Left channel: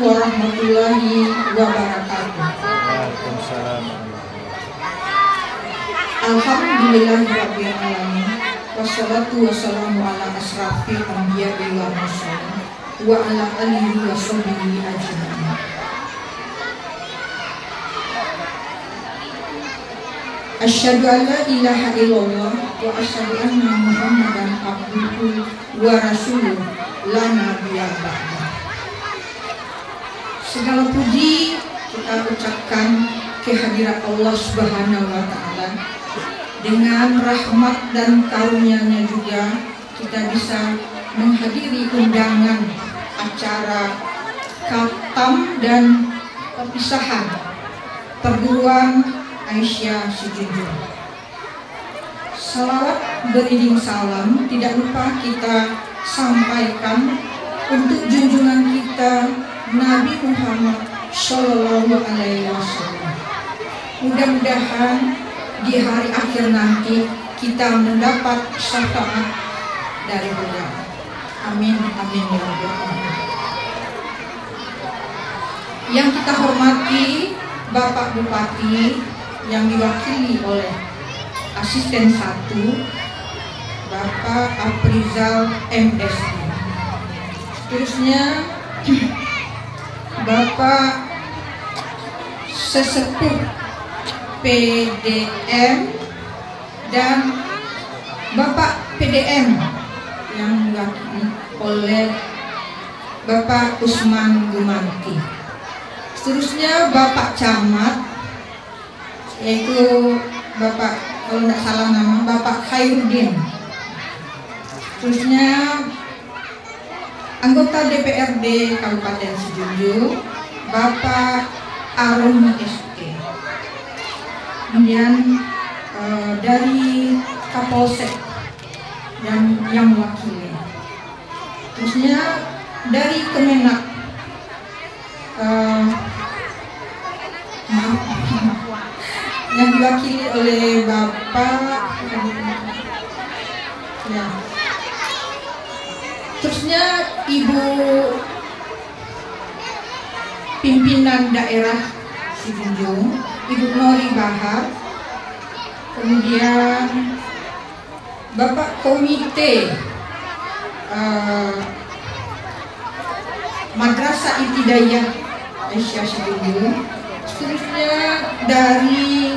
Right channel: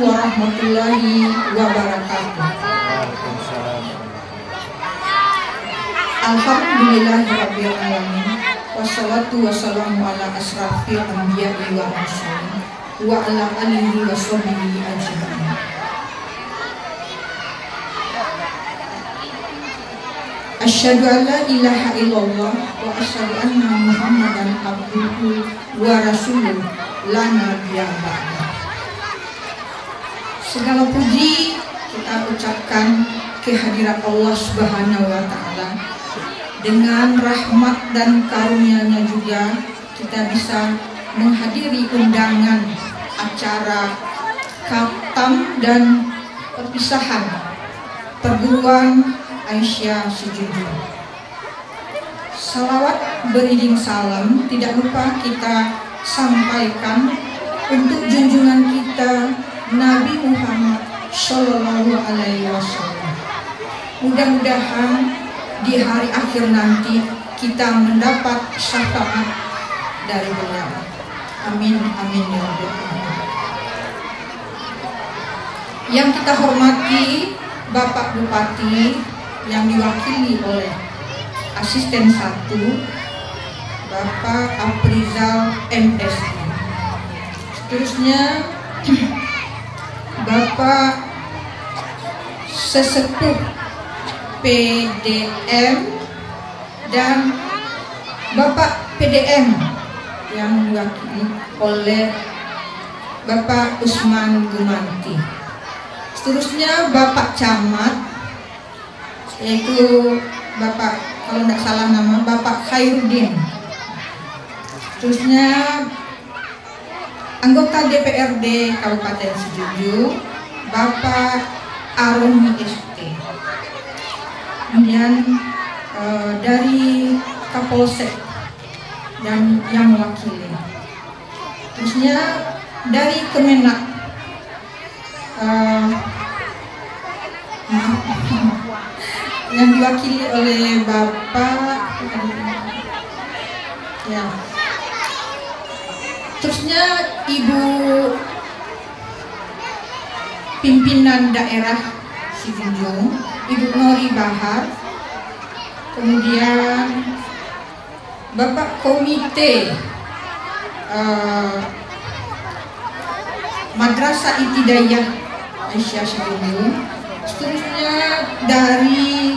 warahmatullahi wabarakatuh. Alhamdulillahirabbil alamin. Wassalatu wassalamu ala asrafil anbiya'i wal mursalin wa ala alihi wa sahbihi ajma'in. Asyhadu an la ilaha illallah wa asyhadu anna Muhammadan abduhu wa rasuluh la nabiyya ba'da. Segala puji kita ucapkan kehadirat Allah Subhanahu wa taala. Dengan rahmat dan karunia-Nya juga kita bisa menghadiri undangan acara khatam dan perpisahan perguruan Aisyah Sejujur. Salawat beriring salam tidak lupa kita sampaikan untuk junjungan kita Nabi Muhammad Shallallahu Alaihi Wasallam. Mudah-mudahan di hari akhir nanti kita mendapat syafaat dari beliau. Amin amin ya rabbal alamin. Yang kita hormati Bapak Bupati yang diwakili oleh Asisten 1 Bapak Aprizal MSI. Seterusnya Bapak Sesepuh PDM dan Bapak PDM yang diwakili oleh Bapak Usman Gumanti. Seterusnya Bapak Camat, yaitu Bapak, kalau tidak salah nama, Bapak Khairuddin. Seterusnya anggota DPRD Kabupaten Sejujur, Bapak Aroni ST. Kemudian dari Kapolsek dan yang mewakili. Terusnya dari Kemenak, yang diwakili oleh Bapak ya. Terusnya Ibu Pimpinan Daerah Sijunjung, Ibu Nori Bahar. Kemudian Bapak Komite Madrasah Ibtidaiyah Aisyah Sejujur. Seterusnya dari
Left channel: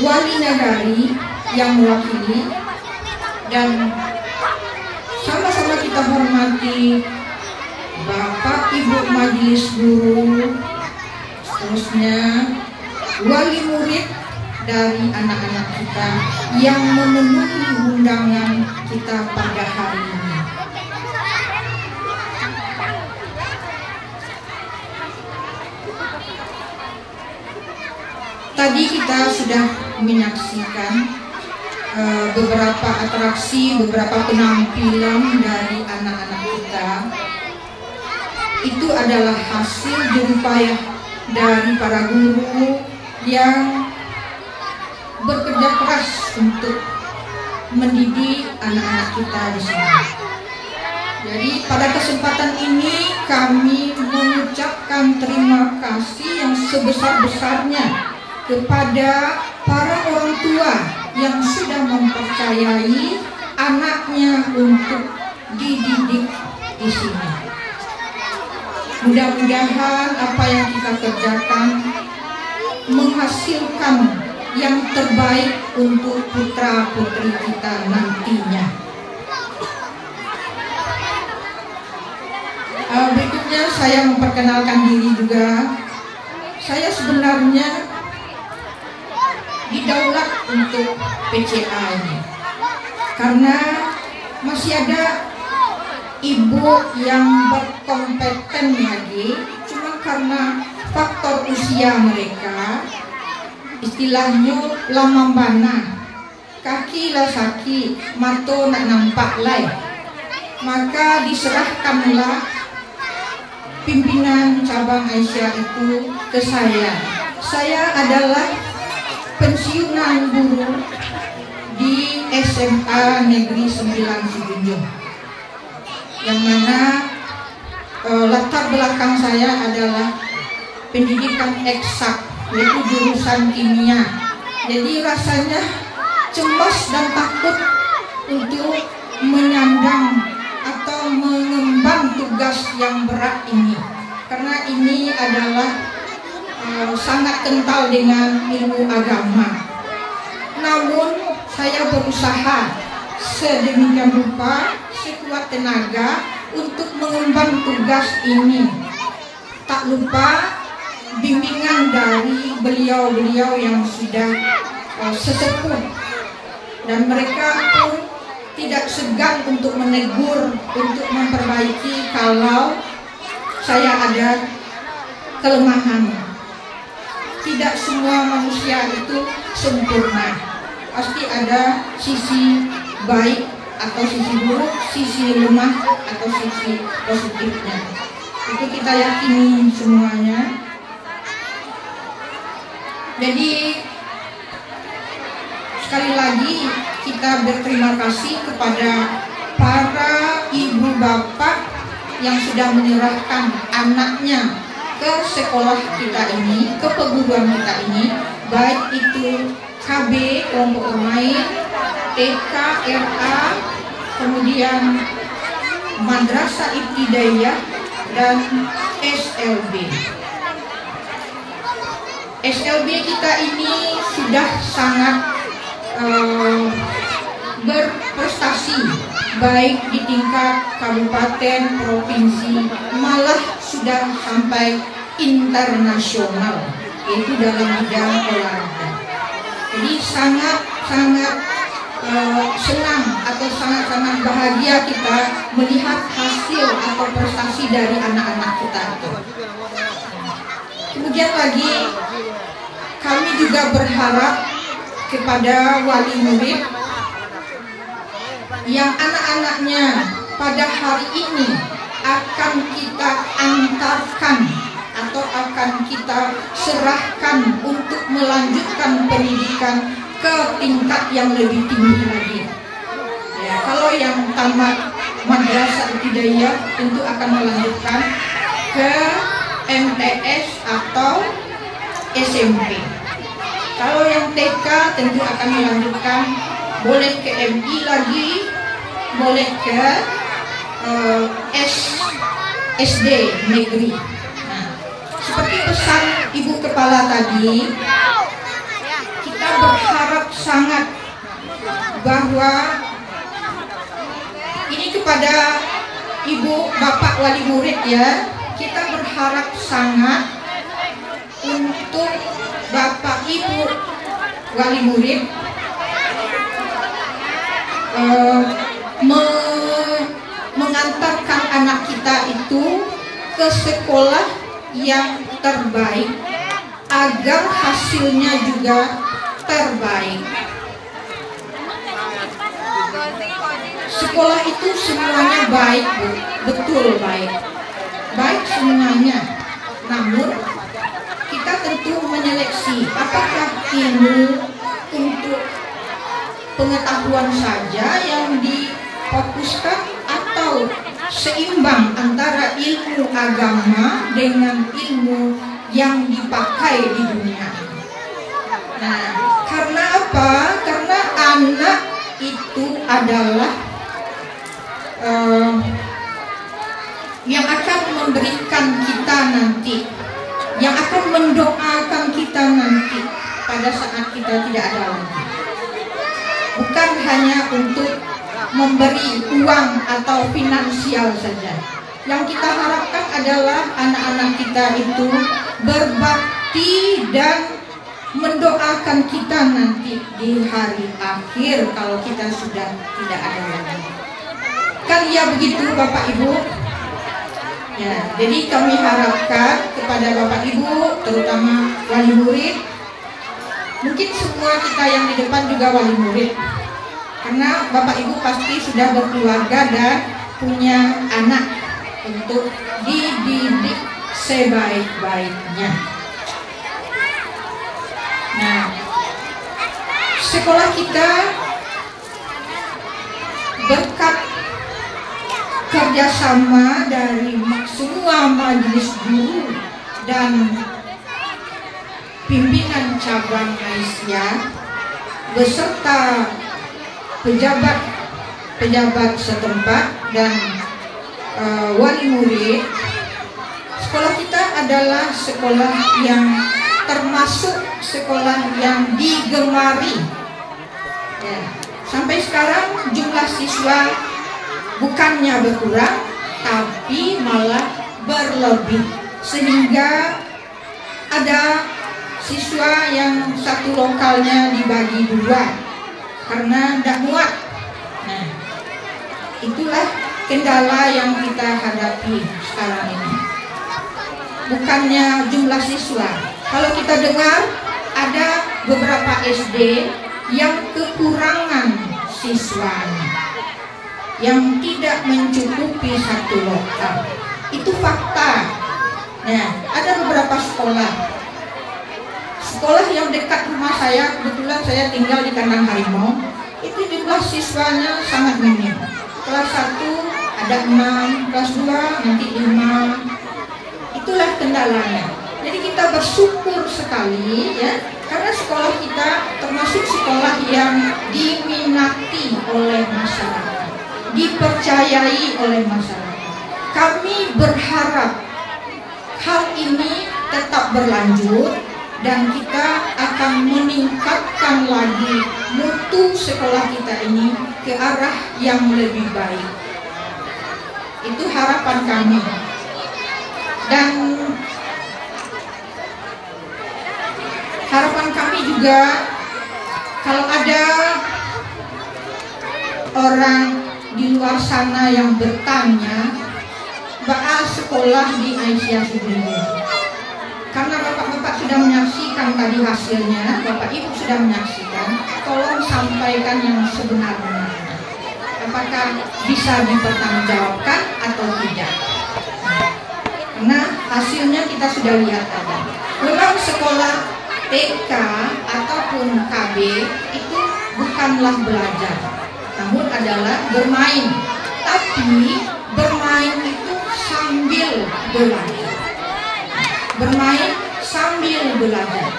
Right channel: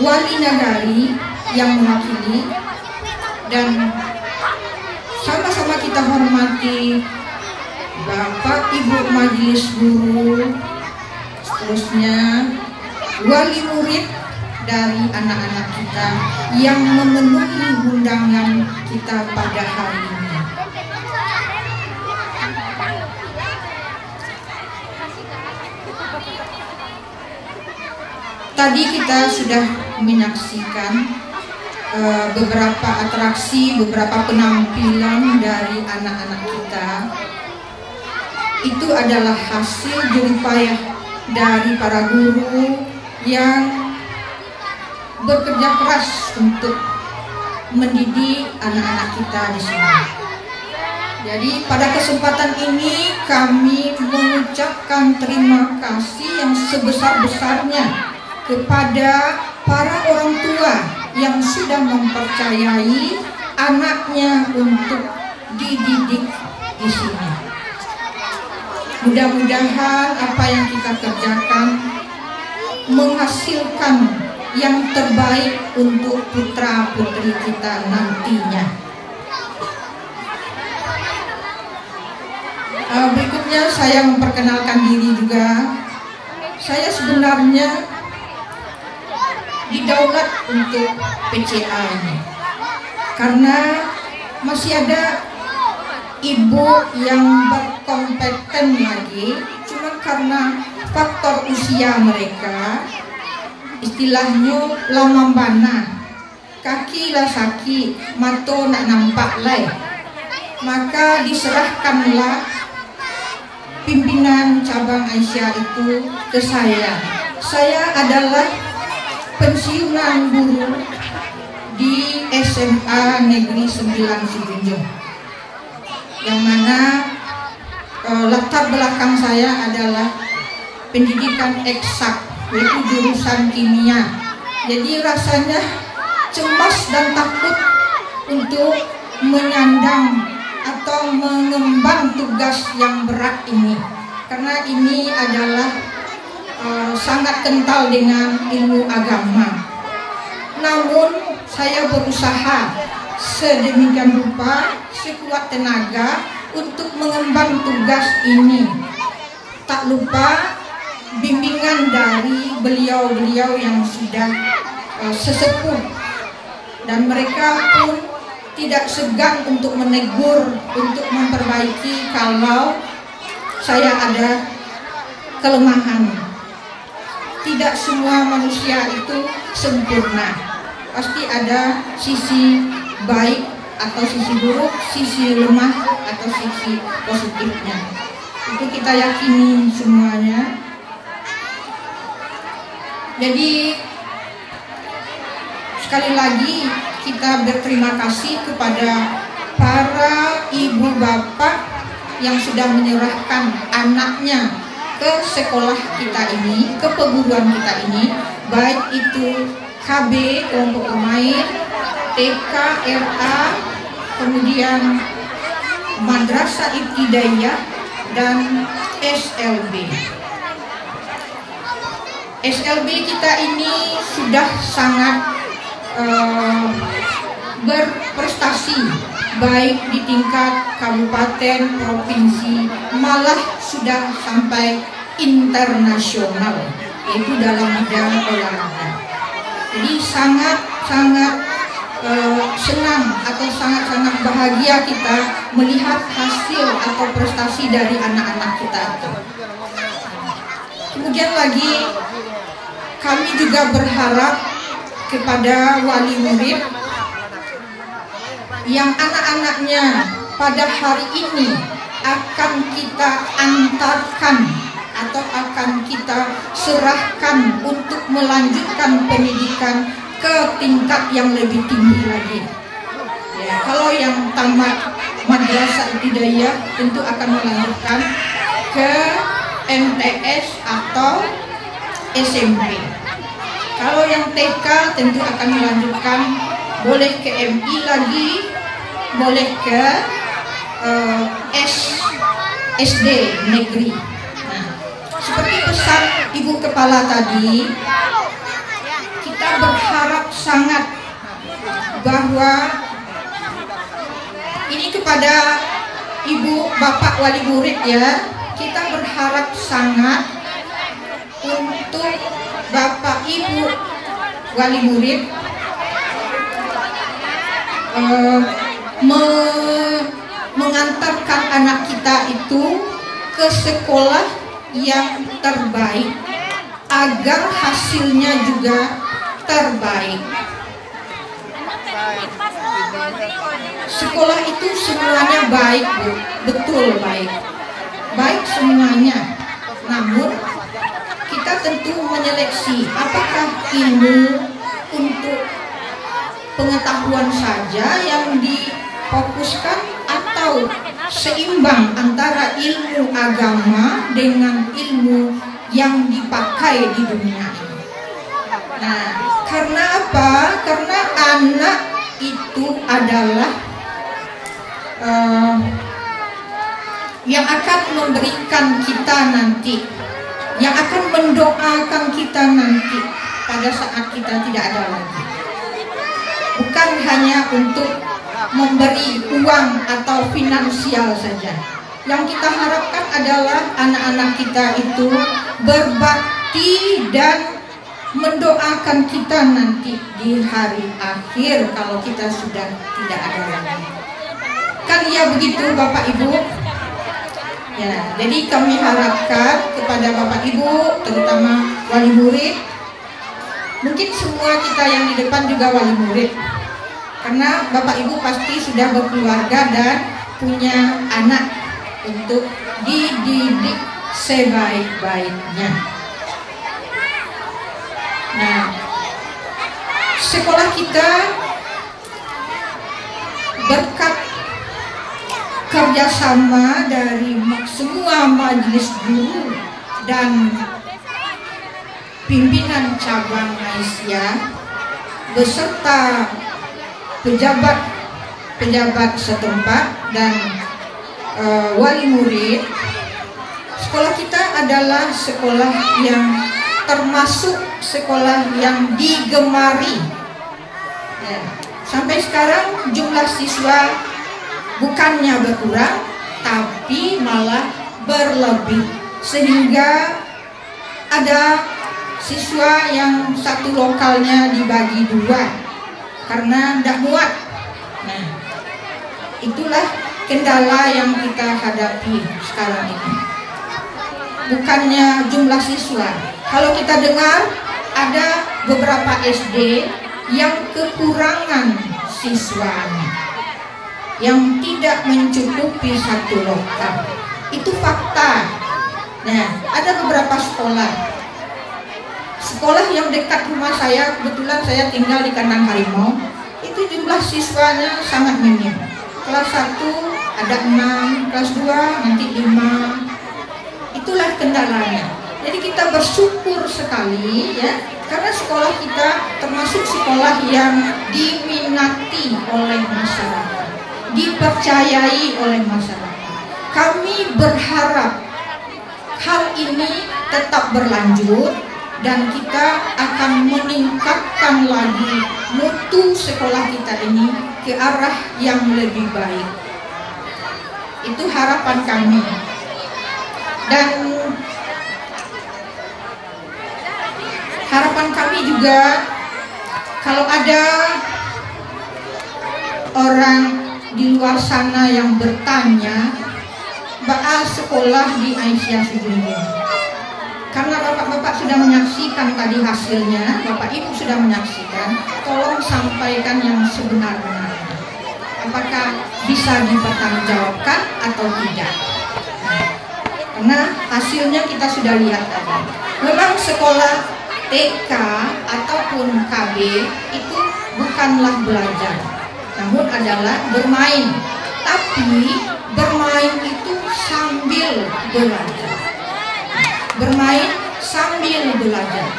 Wali Nagari yang mewakili, dan sama-sama kita hormati Bapak Ibu Majelis Guru. Seterusnya wali murid dari anak-anak kita yang memenuhi undangan kita pada hari ini. Tadi kita sudah menyaksikan beberapa atraksi, beberapa penampilan dari anak-anak kita. Itu adalah hasil jeripayah dari para guru yang bekerja keras untuk mendidik anak-anak kita di sini. Jadi pada kesempatan ini kami mengucapkan terima kasih yang sebesar-besarnya kepada para orang tua yang sudah mempercayai anaknya untuk dididik di sini. Mudah-mudahan apa yang kita kerjakan menghasilkan yang terbaik untuk putra-putri kita nantinya. Berikutnya saya memperkenalkan diri juga. Saya sebenarnya didaulat untuk PCA ini karena masih ada ibu yang berkompeten lagi, cuma karena faktor usia mereka, istilahnya lama bana, kaki lah sakit, mata nak nampak lai, maka diserahkanlah pimpinan cabang Aisyah itu ke saya. Saya adalah pensiunan guru di SMA Negeri 9 Sijunjung, yang mana latar belakang saya adalah pendidikan eksak, yaitu jurusan kimia. Jadi rasanya cemas dan takut untuk menyandang atau mengemban tugas yang berat ini, karena ini adalah sangat kental dengan ilmu agama. Namun saya berusaha sedemikian rupa, sekuat tenaga untuk mengemban tugas ini. Tak lupa bimbingan dari beliau-beliau yang sudah sesepuh, dan mereka pun tidak segan untuk menegur, untuk memperbaiki kalau saya ada kelemahan. Tidak semua manusia itu sempurna, pasti ada sisi baik atau sisi buruk, sisi lemah atau sisi positifnya. Itu kita yakini semuanya. Jadi sekali lagi kita berterima kasih kepada para ibu bapak yang sudah menyerahkan anaknya ke sekolah kita ini, ke perguruan kita ini, baik itu KB kelompok bermain, TK, RA, kemudian Madrasah Ibtidaiyah, dan SLB. SLB kita ini sudah sangat berprestasi, baik di tingkat kabupaten, provinsi, malah sudah sampai internasional, yaitu dalam bidang olahraga. Jadi sangat senang atau sangat bahagia kita melihat hasil atau prestasi dari anak-anak kita itu. Kemudian lagi kami juga berharap kepada wali murid yang anak-anaknya pada hari ini akan kita antarkan atau akan kita serahkan untuk melanjutkan pendidikan ke tingkat yang lebih tinggi lagi. Ya, kalau yang tamat Madrasah Ibtidaiyah tentu akan melanjutkan ke MTS atau SMP. Kalau yang TK tentu akan melanjutkan, boleh ke MI lagi, boleh ke SD negeri. Nah, seperti pesan Ibu Kepala tadi, kita berharap sangat bahwa ini kepada Ibu Bapak Wali Murid ya, kita berharap sangat untuk Bapak Ibu Wali Murid mengantarkan anak kita itu ke sekolah yang terbaik agar hasilnya juga terbaik. Sekolah itu semuanya baik, Bu. Betul baik. Baik semuanya. Namun kita tentu menyeleksi apakah ilmu untuk pengetahuan saja yang difokuskan atau seimbang antara ilmu agama dengan ilmu yang dipakai di dunia ini. Nah, karena apa? Karena anak itu adalah yang akan memberikan kita nanti, yang akan mendoakan kita nanti pada saat kita tidak ada lagi. Bukan hanya untuk memberi uang atau finansial saja. Yang kita harapkan adalah anak-anak kita itu berbakti dan mendoakan kita nanti di hari akhir kalau kita sudah tidak ada lagi. Kan ya begitu Bapak Ibu? Ya, jadi kami harapkan kepada Bapak Ibu, terutama wali murid, mungkin semua kita yang di depan juga wali murid, karena Bapak Ibu pasti sudah berkeluarga dan punya anak untuk dididik sebaik-baiknya. Nah, sekolah kita berkat kerjasama dari semua majelis guru dan pimpinan cabang Malaysia beserta pejabat setempat dan wali murid. Sekolah kita adalah sekolah yang termasuk sekolah yang digemari. Ya. Sampai sekarang jumlah siswa bukannya berkurang, tapi malah berlebih, sehingga ada siswa yang satu lokalnya dibagi dua karena tidak muat. Nah, itulah kendala yang kita hadapi sekarang ini. Bukannya jumlah siswa. Kalau kita dengar ada beberapa SD yang kekurangan siswanya, yang tidak mencukupi satu lokal. Itu fakta. Nah, ada beberapa sekolah yang dekat rumah saya, kebetulan saya tinggal di kandang harimau, itu jumlah siswanya sangat minim. Kelas 1 ada 6, kelas 2 nanti 5. Itulah kendalanya. Jadi kita bersyukur sekali ya, karena sekolah kita termasuk sekolah yang diminati oleh masyarakat, dipercayai oleh masyarakat. Kami berharap hal ini tetap berlanjut dan kita akan meningkatkan lagi mutu sekolah kita ini ke arah yang lebih baik. Itu harapan kami. Dan harapan kami juga, kalau ada orang di luar sana yang bertanya bakal sekolah di Aisyah Sugeng, karena bapak-bapak sudah menyaksikan tadi hasilnya, bapak ibu sudah menyaksikan, tolong sampaikan yang sebenar-benarnya, apakah bisa dipertanggungjawabkan atau tidak. Karena hasilnya kita sudah lihat tadi, memang sekolah TK ataupun KB itu bukanlah belajar, namun adalah bermain. Tapi bermain itu sambil belajar, bermain sambil belajar,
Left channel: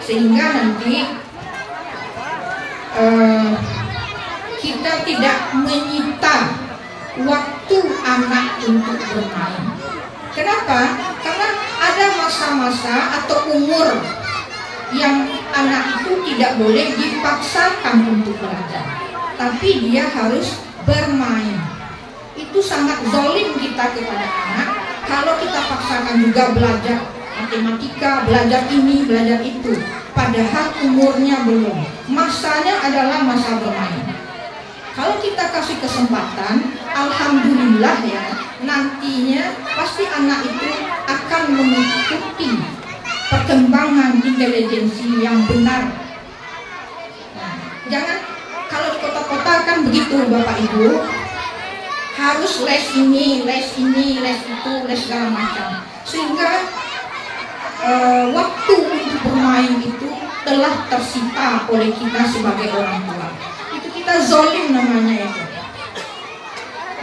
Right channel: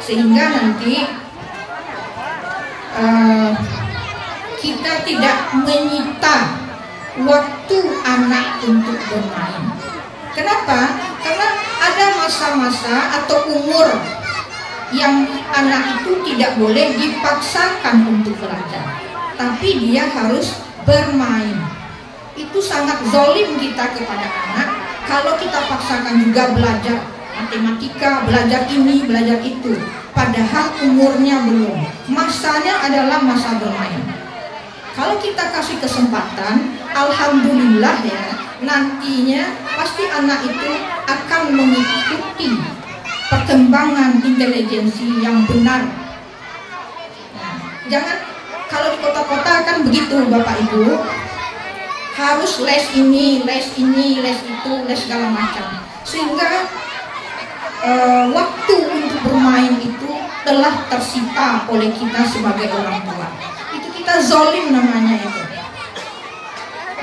sehingga nanti kita tidak menyita waktu anak untuk bermain. Kenapa? Karena ada masa-masa atau umur yang anak itu tidak boleh dipaksakan untuk belajar, tapi dia harus bermain. Itu sangat zalim kita kepada anak kalau kita paksakan juga belajar matematika, belajar ini, belajar itu, padahal umurnya belum. Masanya adalah masa bermain. Kalau kita kasih kesempatan, alhamdulillah ya, nantinya pasti anak itu akan mengikuti perkembangan intelijensi yang benar. Nah, jangan kalau di kota-kota kan begitu Bapak Ibu, harus les ini, les itu, les segala macam, sehingga waktu untuk bermain itu telah tersita oleh kita sebagai orang tua. Itu kita zalim namanya itu.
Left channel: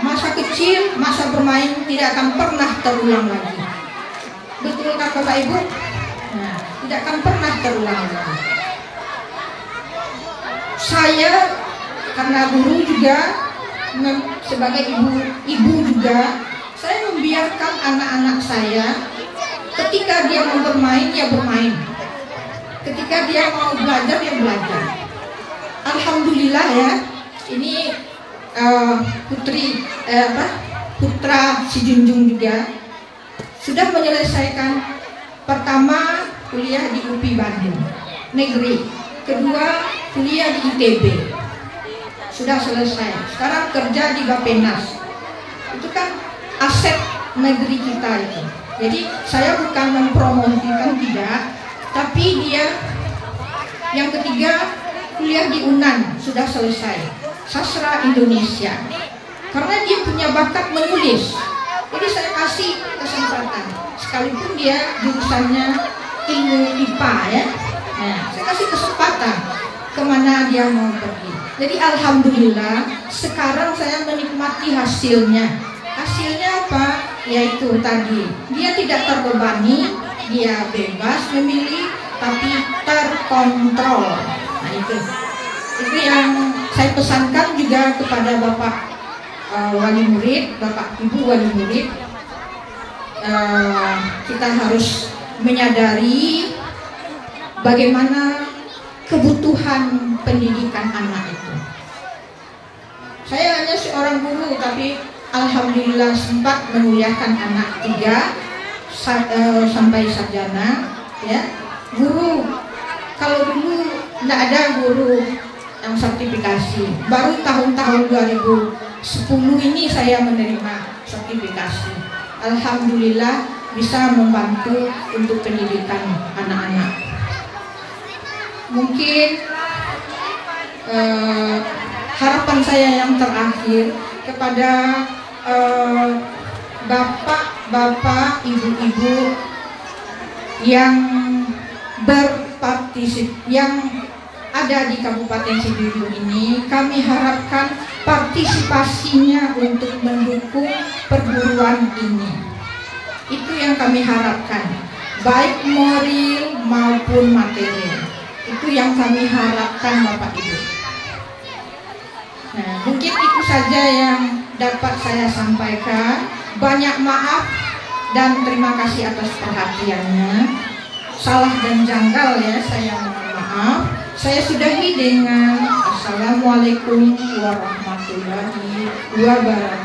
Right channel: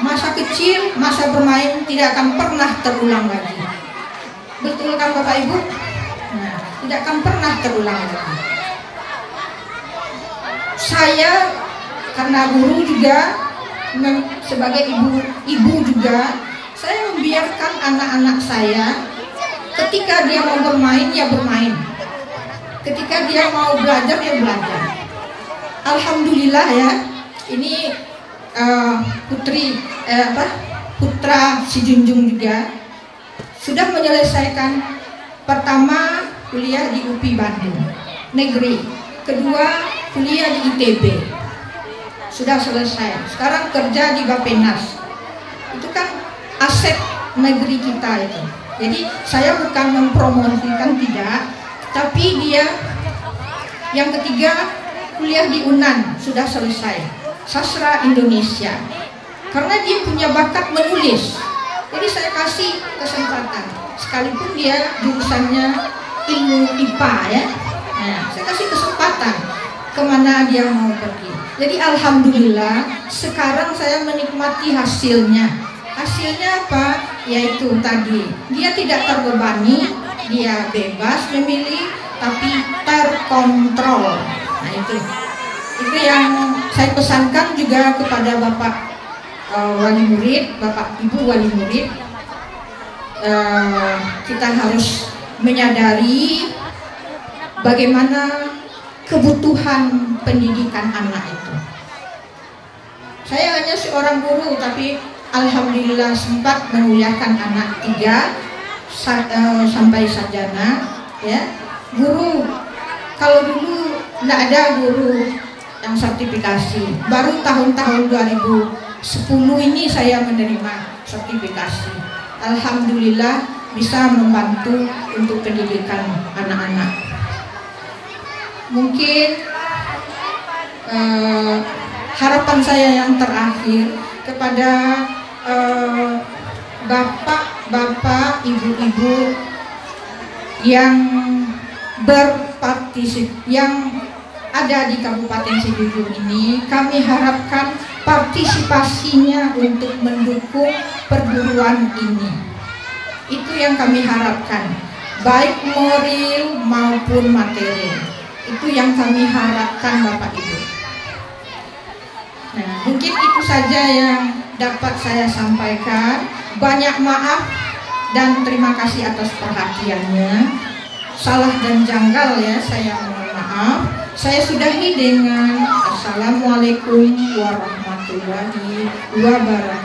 Masa kecil, masa bermain tidak akan pernah terulang lagi. Betul kan Bapak Ibu? Nah, tidak akan pernah terulang lagi. Saya karena guru juga, sebagai ibu juga, saya membiarkan anak-anak saya ketika dia mau bermain ya bermain, ketika dia mau belajar ya belajar. Alhamdulillah ya, ini putra si Junjung juga sudah menyelesaikan pertama kuliah di UPI Bandung negeri, kedua kuliah di ITB, sudah selesai. Sekarang kerja di Bapenas. Itu kan aset negeri kita itu. Jadi saya bukan mempromosikan, tidak, tapi dia yang ketiga kuliah di UNAN, sudah selesai sastra Indonesia, karena dia punya bakat menulis. Jadi saya kasih kesempatan, sekalipun dia jurusannya ilmu IPA ya. Nah, saya kasih kesempatan kemana dia mau pergi. Jadi alhamdulillah sekarang saya menikmati hasilnya. Hasilnya apa? Yaitu tadi, dia tidak terbebani, dia bebas memilih, tapi terkontrol. Nah itu yang saya pesankan juga kepada Bapak wali murid, Bapak Ibu wali murid. Kita harus menyadari bagaimana kebutuhan pendidikan anak itu. Saya hanya seorang guru, tapi alhamdulillah sempat menguliakan anak 3 sampai sarjana. Ya, guru. Kalau dulu tidak ada guru yang sertifikasi. Baru tahun-tahun 2010 ini saya menerima sertifikasi. Alhamdulillah bisa membantu untuk pendidikan anak-anak. Mungkin harapan saya yang terakhir kepada bapak-bapak, ibu-ibu yang yang ada di Kabupaten Sidujung ini, kami harapkan partisipasinya untuk mendukung perguruan ini. Itu yang kami harapkan, baik moral maupun materi. Itu yang kami harapkan Bapak Ibu. Nah, mungkin itu saja yang dapat saya sampaikan. Banyak maaf dan terima kasih atas perhatiannya. Salah dan janggal ya, saya mohon maaf. Saya sudahi dengan Assalamualaikum warahmatullahi wabarakatuh.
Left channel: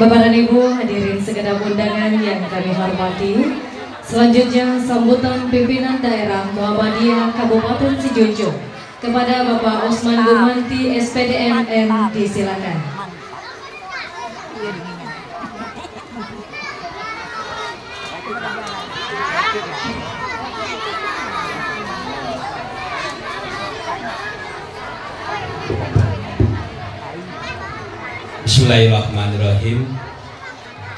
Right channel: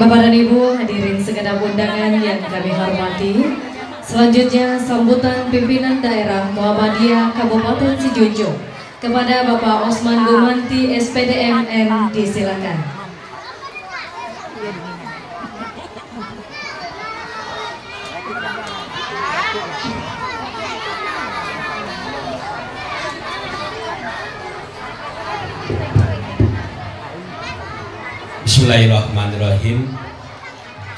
Bapak dan Ibu hadirin segenap undangan yang kami hormati. Selanjutnya sambutan pimpinan daerah Muhammadiyah Kabupaten Sidujung kepada Bapak Osman Gumanti SPDMN, disilakan. Bismillahirrahmanirrahim.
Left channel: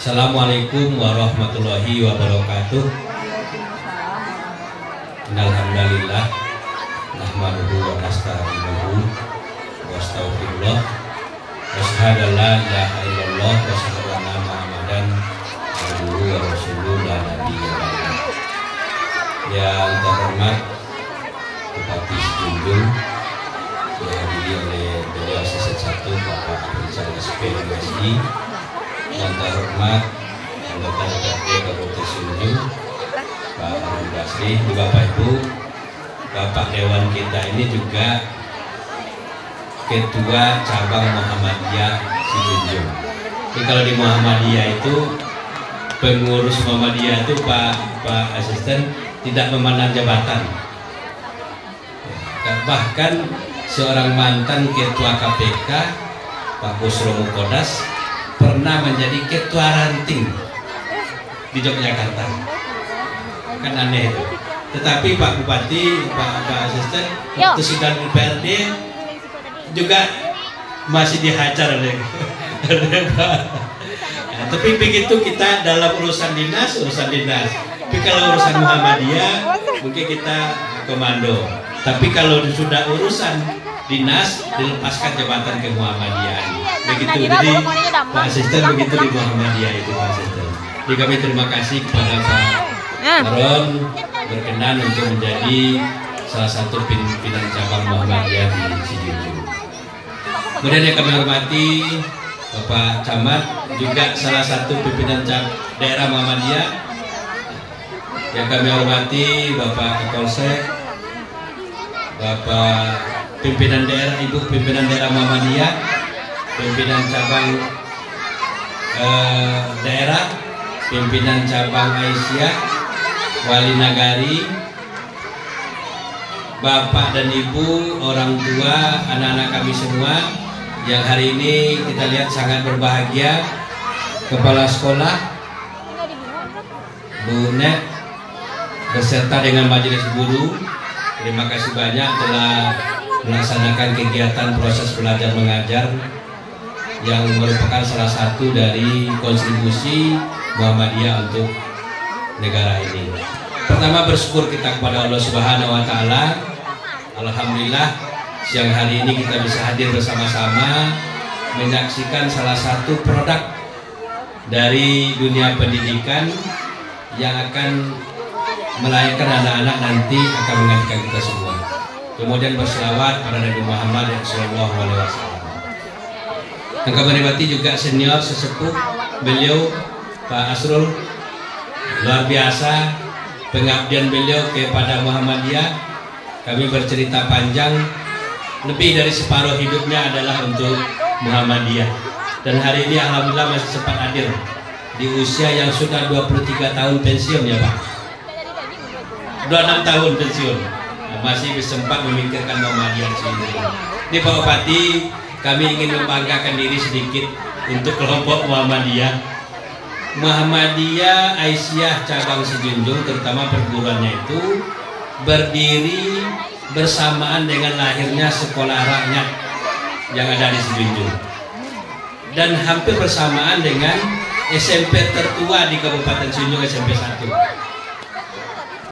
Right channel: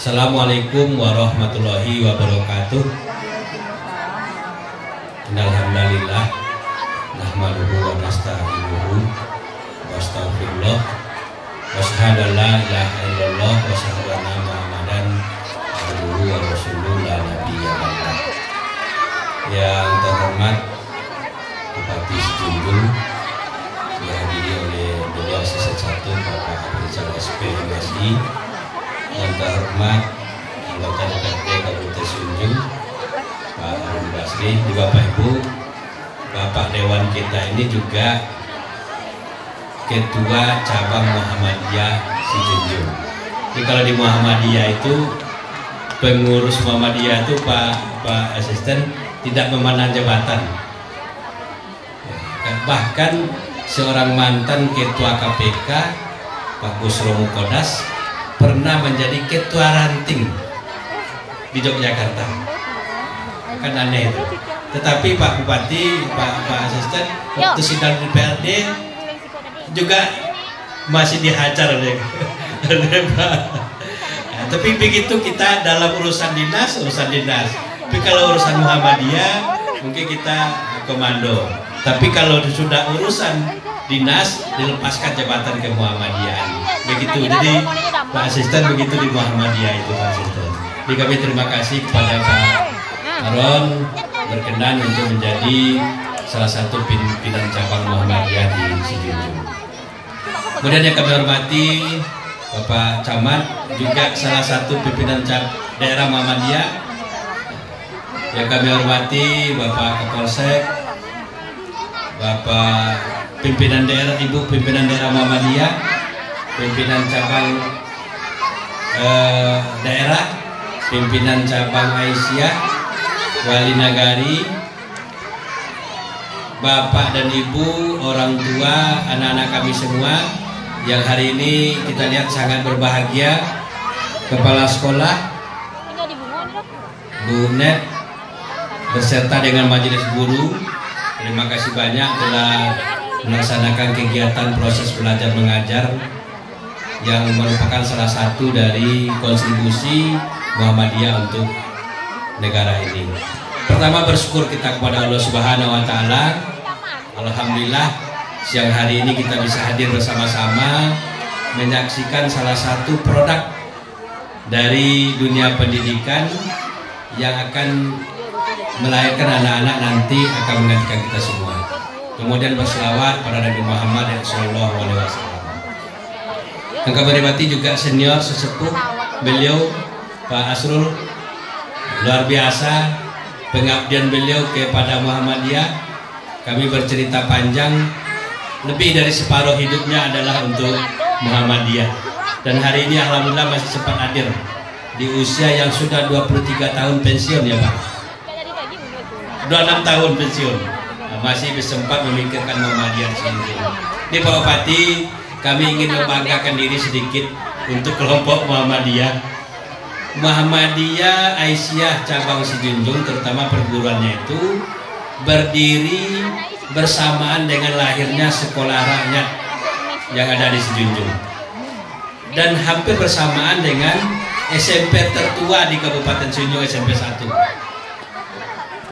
Assalamualaikum warahmatullahi wabarakatuh. Alhamdulillah, nahmaduhu wa nasta'inuhu wa astaghfirullah wa asyhadu an la ilaha illallah wa asyhadu anna Muhammadan abduhu wa rasuluhu la nabiyya ba'dah. Yang terhormat Bupati Sidujung, dihadiri oleh Beliau Asisten 1 Bapak Rizal SPMSI, yang terhormat anggota DPRD Kabupaten Sidujung Pak Harun Basri, juga Bapak Ibu, Bapak Dewan kita ini juga Ketua Cabang Muhammadiyah Sidujung. Jadi kalau di Muhammadiyah itu pengurus Muhammadiyah itu Pak Asisten tidak memandang jabatan. Bahkan seorang mantan ketua KPK Pak Busro Mukodas pernah menjadi ketua ranting di Yogyakarta. Kan aneh itu. Tetapi Pak Bupati, Pak Asisten waktu sidang DPRD juga masih dihajar oleh Pak. Ya, tapi begitu kita dalam urusan dinas. Tapi kalau urusan Muhammadiyah mungkin kita komando. Tapi kalau sudah urusan dinas, dilepaskan jabatan ke Muhammadiyah. Begitu. Jadi Pak Asisten begitu di Muhammadiyah itu Pak Asisten. Jadi kami terima kasih kepada Pak Harun berkenan untuk menjadi salah satu pimpinan cabang Muhammadiyah di Sidujung. Kemudian yang kami hormati Bapak Camat, juga salah satu pimpinan daerah Muhammadiyah. Yang kami hormati Bapak Kapolsek, Bapak pimpinan daerah, Ibu pimpinan daerah Muhammadiyah, pimpinan cabang daerah, pimpinan cabang Aisyah, Wali Nagari, Bapak dan Ibu, orang tua, anak-anak kami semua yang hari ini kita lihat sangat berbahagia Kepala Sekolah Bu Nek beserta dengan Majelis Guru, terima kasih banyak telah melaksanakan kegiatan proses belajar mengajar yang merupakan salah satu dari kontribusi Muhammadiyah untuk negara ini. Pertama, bersyukur kita kepada Allah Subhanahu wa Ta'ala. Alhamdulillah, siang hari ini kita bisa hadir bersama-sama menyaksikan salah satu produk dari dunia pendidikan yang akan melahirkan anak-anak nanti akan menggantikan kita semua. Kemudian berselawat pada Nabi Muhammad Sallallahu Alaihi Wasallam. Yang kami hormati juga senior sesepuh beliau Pak Asrul, luar biasa pengabdian beliau kepada Muhammadiyah. Kami bercerita panjang, lebih dari separuh hidupnya adalah untuk Muhammadiyah. Dan hari ini alhamdulillah masih sempat hadir di usia yang sudah 23 tahun pensiun ya Pak. 26 tahun pensiun, masih sempat memikirkan Muhammadiyah sendiri. Ini Pak Bupati, kami ingin membanggakan diri sedikit untuk kelompok Muhammadiyah. Muhammadiyah Aisyah cabang Sejunjung, terutama perguruannya itu berdiri bersamaan dengan lahirnya sekolah rakyat yang ada di Sejunjung, dan hampir bersamaan dengan SMP tertua di Kabupaten Sejunjung, SMP 1.